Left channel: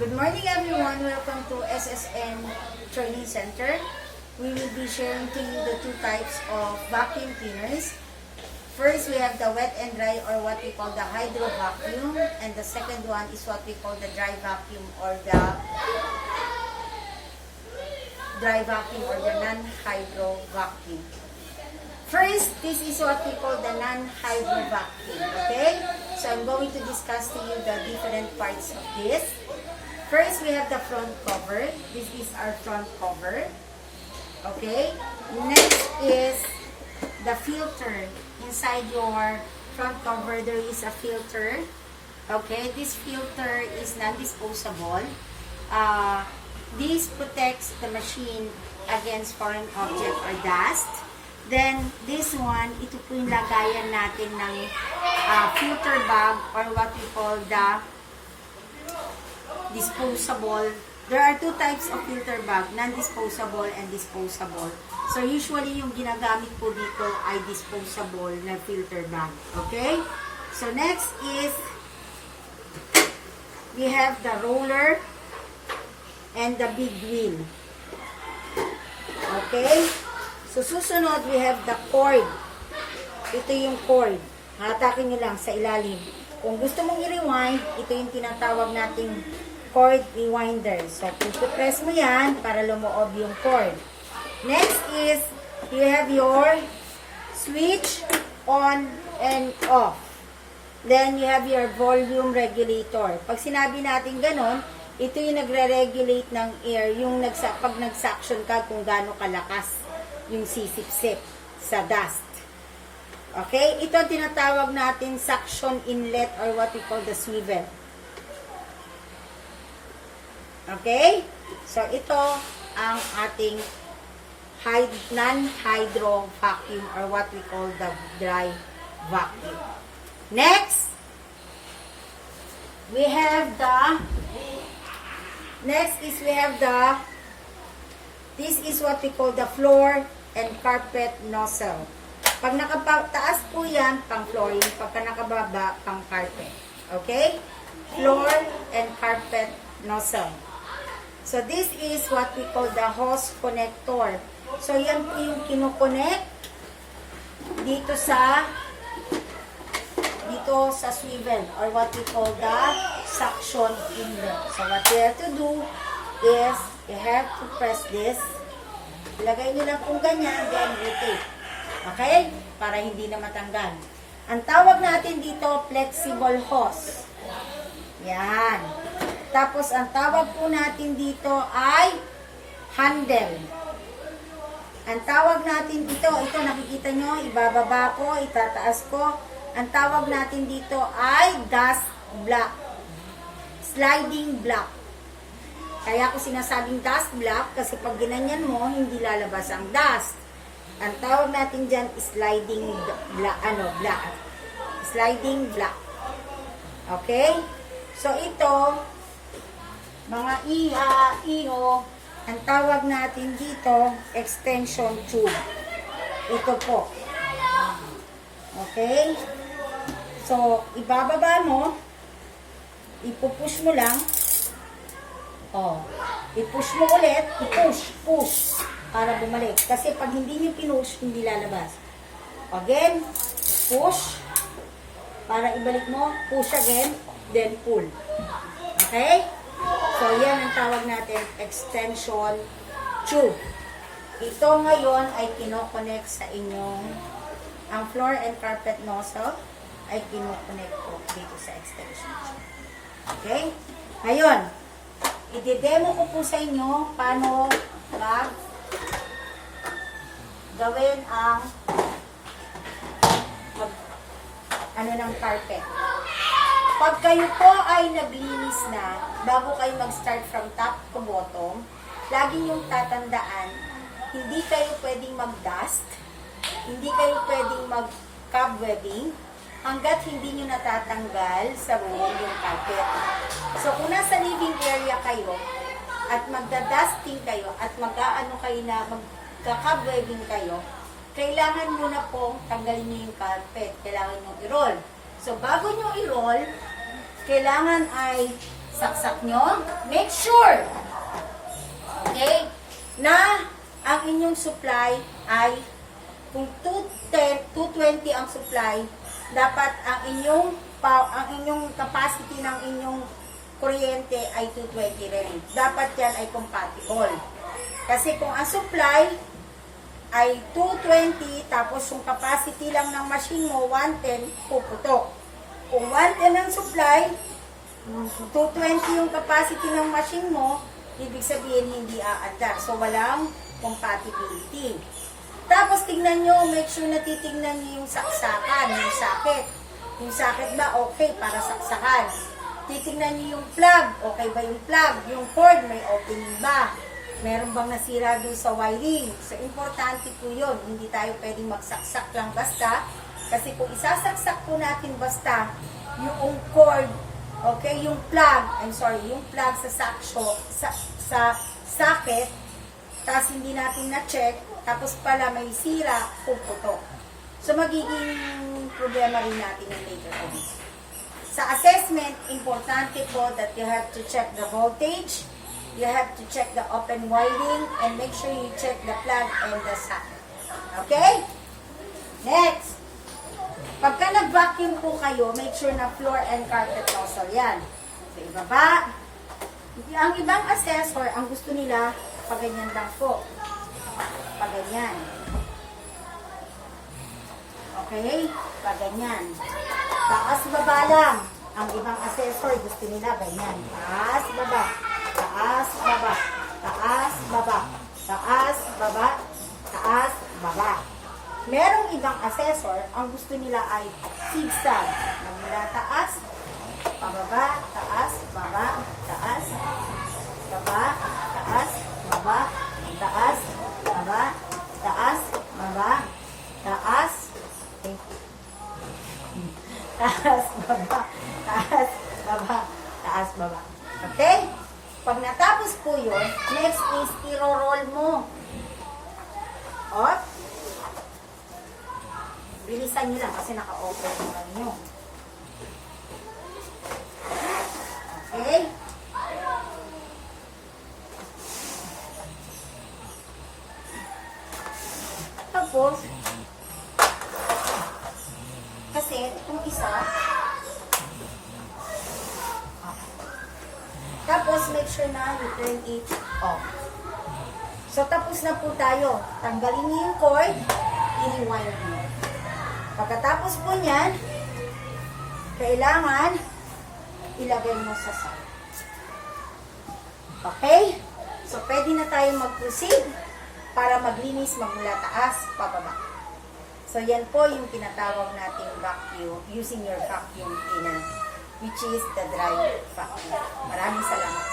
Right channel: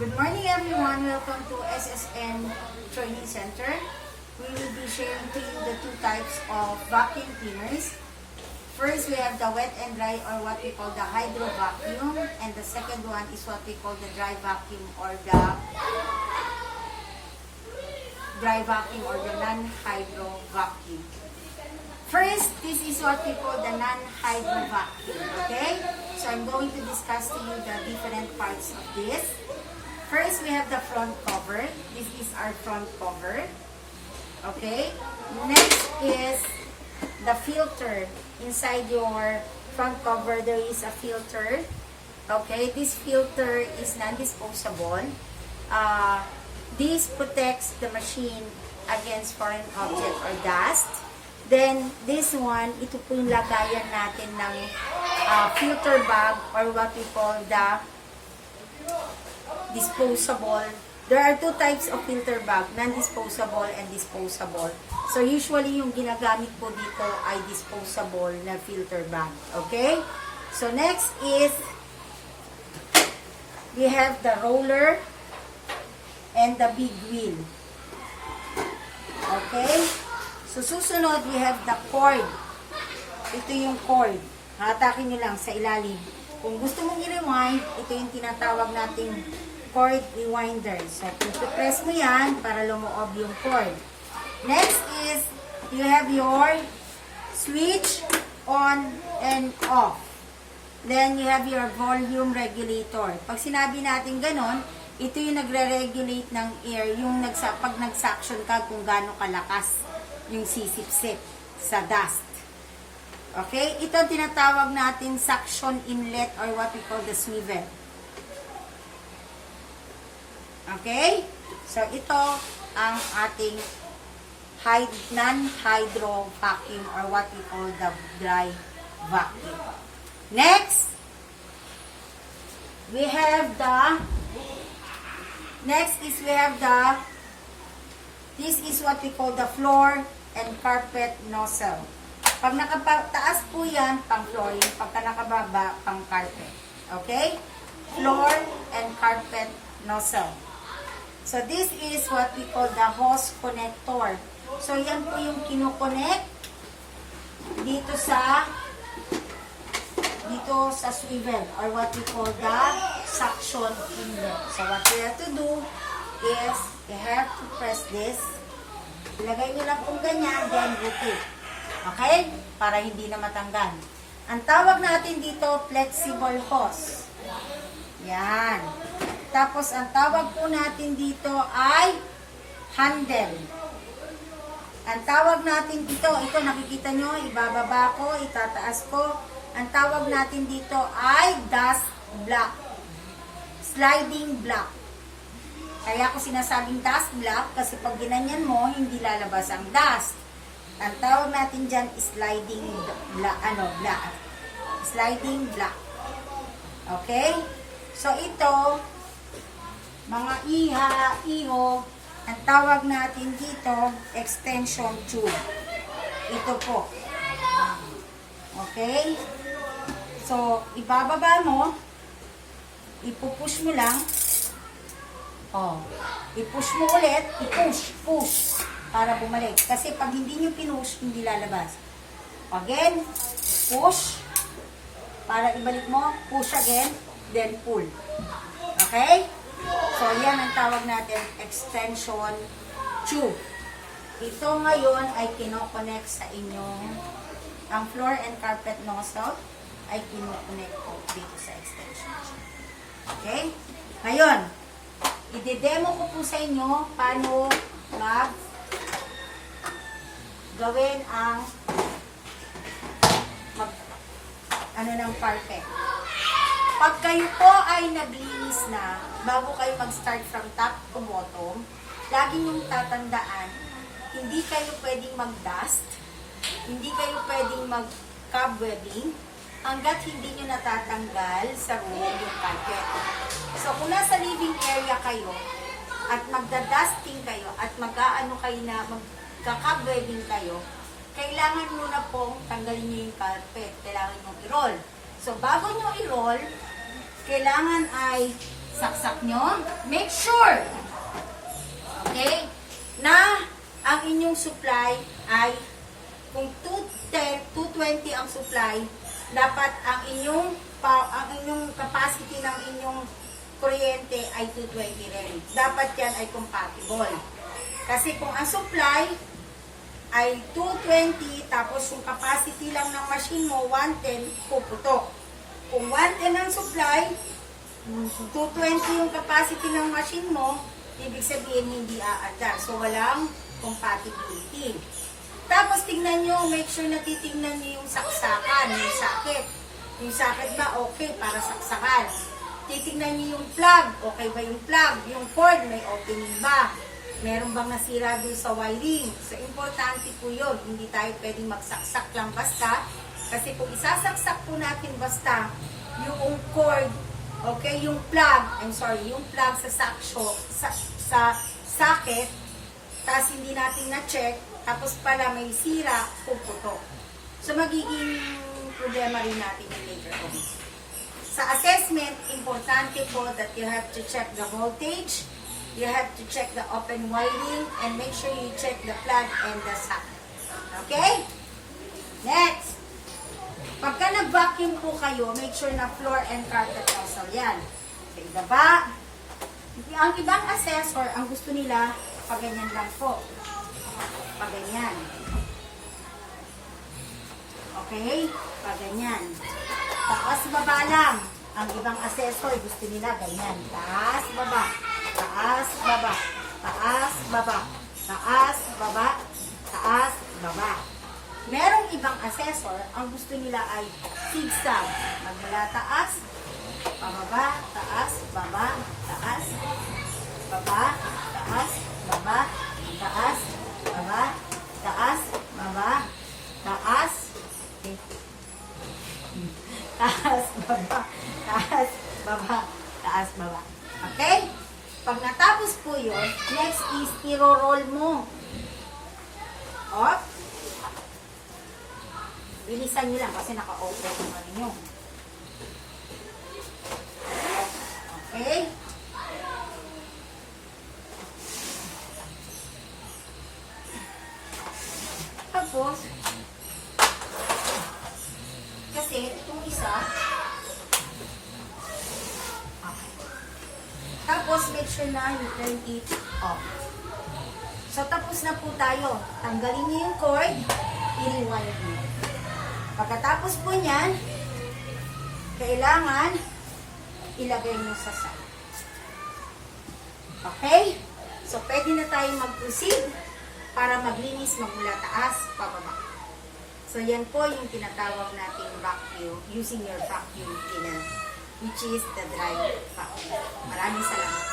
Good morning everyone. Welcome to SSN Training Center. We will be sharing to you the two types of vacuum cleaners. First, we have the wet and dry, or what we call the hydro vacuum, and the second one is what we call the dry vacuum or the non-hydro vacuum. First, this is what we call the non-hydro vacuum, okay? So I'm going to discuss to you the different parts of this. First, we have the front cover. This is our front cover, okay? Next is the filter. Inside your front cover, there is a filter, okay? This filter is non-disposable. This protects the machine against foreign object or dust. Then, this one, ito po yung lagayan natin ng filter bag or what we call the disposable. There are two types of filter bag, non-disposable and disposable. So, usually, yung ginagamit po dito ay disposable na filter bag. Okay? So, next is, we have the roller and the big wheel. Okay? So, susunod, we have the cord. Ito yung cord. Hatakin nyo lang sa ilalim. Kung gusto mong i-rewind, ito yung tinatawag nating cord rewinder. So, pupipress mo yan para lumoob yung cord. Next is, you have your switch on and off. Then, you have your volume regulator. Pag sinabi natin ganon, ito yung nagre-regulate ng air, yung pag nag-suction ka kung gaano kalakas yung sisip-sip sa dust. Okay? Ito ang tinatawag natin suction inlet or what we call the swivel. Okay? So, ito ang ating non-hydro vacuum or what we call the dry vacuum. Next, we have this is what we call the floor and carpet nozzle. Pag nakataas po yan, pang flooring. Pagka nakababa, pang carpet. Okay? Floor and carpet nozzle. So, this is what we call the hose connector. So, yan po yung kinoconnect dito sa swivel or what we call the suction inlet. So, what we have to do is you have to press this. Ilagay nyo lang kung ganyan, then rotate. Okay? Para hindi na matanggal. Ang tawag natin dito, flexible hose. Yan. Tapos, ang tawag po natin dito ay handle. Ang tawag natin dito, ito nakikita nyo, ibababa ko, itataas ko. Ang tawag natin dito ay dust block. Sliding block. Kaya ko sinasabing dust block kasi pag ginanyan mo, hindi lalabas ang dust. Ang tawag natin dyan is sliding block. Sliding block. Okay? So, ito, mga iho, ang tawag natin dito, extension tube. Ito po. Okay? So, ibababa mo, ipupush mo lang, i-push mo ulit, push, para bumalik. Kasi pag hindi nyo pinush, hindi lalabas. Again, push, para ibalik mo, push again, then pull. Okay? So, yan ang tawag natin, extension tube. Ito ngayon ay kinoconnect sa inyong, ang floor and carpet nozzle ay kinoconnect po dito sa extension tube. Okay? Ngayon, i-demo ko po sa inyo paano gawin ang ng carpet. Pag kayo po ay naglinis na, bago kayo mag-start from top to bottom, lagi niyong tatandaan, hindi kayo pwedeng mag-dust, hindi kayo pwedeng mag-cobwebbing, hanggat hindi nyo natatanggal sa room yung carpet. So, kung nasa living area kayo, at magda-dusting kayo, at mag-aano kayo na magka-cobwebbing kayo, kailangan muna pong tanggalin nyo yung carpet. Kailangan nyo i-roll. So, bago nyo i-roll, kailangan ay saksak nyo. Make sure, okay, na ang inyong supply ay kung 210, 220 ang supply, dapat ang inyong capacity ng inyong kuryente ay 220 rin. Dapat yan ay compatible. Kasi kung ang supply ay 220, tapos yung capacity lang ng machine mo, 110, puputok. Kung 110 ang supply, 220 yung capacity ng machine mo, ibig sabihin hindi a-adjust. So, walang compatibility. Tapos, tignan nyo, make sure na titignan nyo yung saksakan, yung socket. Yung socket ba, okay, para saksakan. Titignan nyo yung plug, okay ba yung plug? Yung cord, may opening ba? Meron bang nasira dun sa wiring? So, importante po yun. Hindi tayo pwedeng magsaksak lang basta. Kasi kung isasaksak po natin basta, yung cord, okay, yung plug, yung plug sa socket, tapos hindi natin na-check, tapos pala may sira, puputok. So, magiging problema rin natin yung later on. Sa assessment, importante po that you have to check the voltage, you have to check the open wiring, and make sure you check the plug and the socket. Okay? Next. Pagka nag-vacuum po kayo, make sure na floor and carpet nozzle yan. So, ibaba. Ang ibang assessor, ang gusto nila, paganyan lang po. Paganyan. Okay? Paganyan. Taas, baba lang. Ang ibang assessor, gusto nila ganyan. Taas, baba. Taas, baba. Taas, baba. Taas, baba. Taas, baba. Merong ibang assessor, ang gusto nila ay zigzag. Magmula taas, pababa, taas, baba, taas, baba, taas, baba, taas, baba, taas, baba, taas, taas, baba, taas, baba, taas, baba. Okay? Pag natapos po yun, next is i-roll mo. O, bilisan nyo lang kasi naka-open na nyo. Okay? Tapos, kasi itong isa, tapos make sure na you turn it off. So, tapos na po tayo. Tanggalin niyo yung cord, i-rewire niyo. Pagkatapos po niyan, kailangan ilagay mo sa side. Okay? So, pwede na tayo mag-proceed para maglinis magmula taas, pababa. So, yan po yung tinatawag nating vacuum, using your vacuum cleaner, which is the dry vacuum. Maraming salamat.